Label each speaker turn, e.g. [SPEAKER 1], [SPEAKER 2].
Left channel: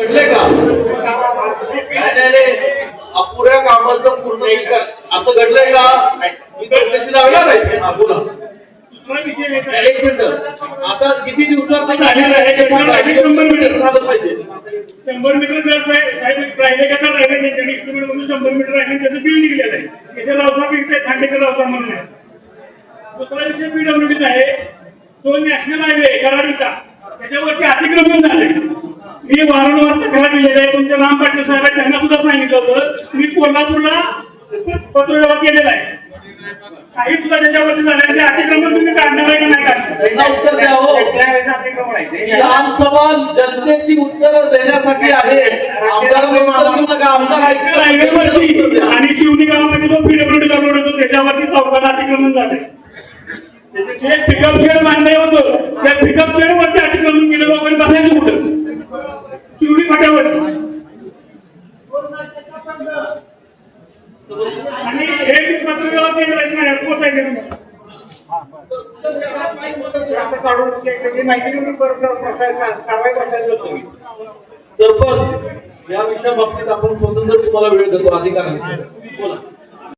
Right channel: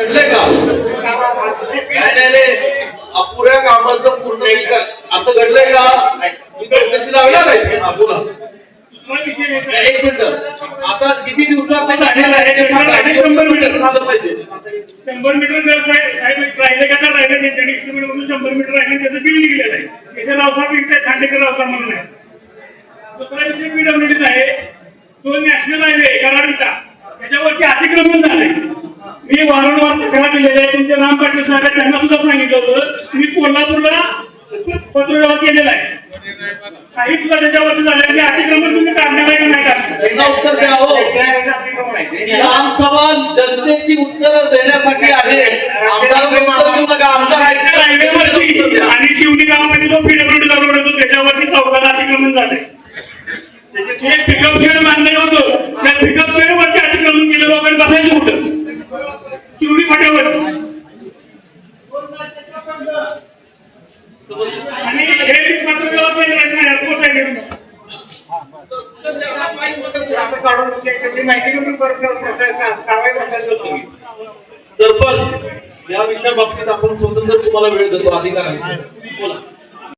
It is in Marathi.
[SPEAKER 1] घडलंय का? अपुऱ्या कामाचं पूर्ण एक असं घडलंय का? कशी लावला नाही. बोला एक मिनिट. आता किती दिवसात.
[SPEAKER 2] शंभर मीटर.
[SPEAKER 1] पाहिजे.
[SPEAKER 2] शंभर मीटर जर साहेब राहिले का तर राहिले त्यांच्या estimate मधून शंभर मीटर राहिले त्याचं बिल निघलेलं आहे त्याच्या रावसा बिल ते खांडेकर रावसा म्हणून आहे. दुसरा विषय पीडब्ल्यूडीचा आहे. तो नॅशनल हायवे कराडीचा. त्याच्यावरती अतिक्रमण झाले मी वारंवार केलेल्या आहे तुमचे नाम पाटील साहेब त्यांना सुद्धा सांगितलं होतं. मी कोल्हापूरला पत्रव्यवहार केलेला आहे. काही सुद्धा त्याच्यावरती झालं की अतिक्रमण तुम्ही काढलं पाहिजे नाही काढलं
[SPEAKER 1] एकदा उत्तर द्या हो. जनतेची उत्तर देण्यासाठी आहे. आहे.
[SPEAKER 2] आणि शिवणी गावामध्ये जो पीडब्ल्यूडी लागवड होतो त्याच्यावरती चौकाला अतिक्रमण झालंय. त्याचे जे पिकअप शेड बांधले होतं. त्या पिकअप शेड आणि हे पत्रव्यवहार पाहिजे नाही
[SPEAKER 1] सरपंच या विषया बाबतीत आपण स्वतंत्र तुम्हाला वेळ देतो. अधिकारांचा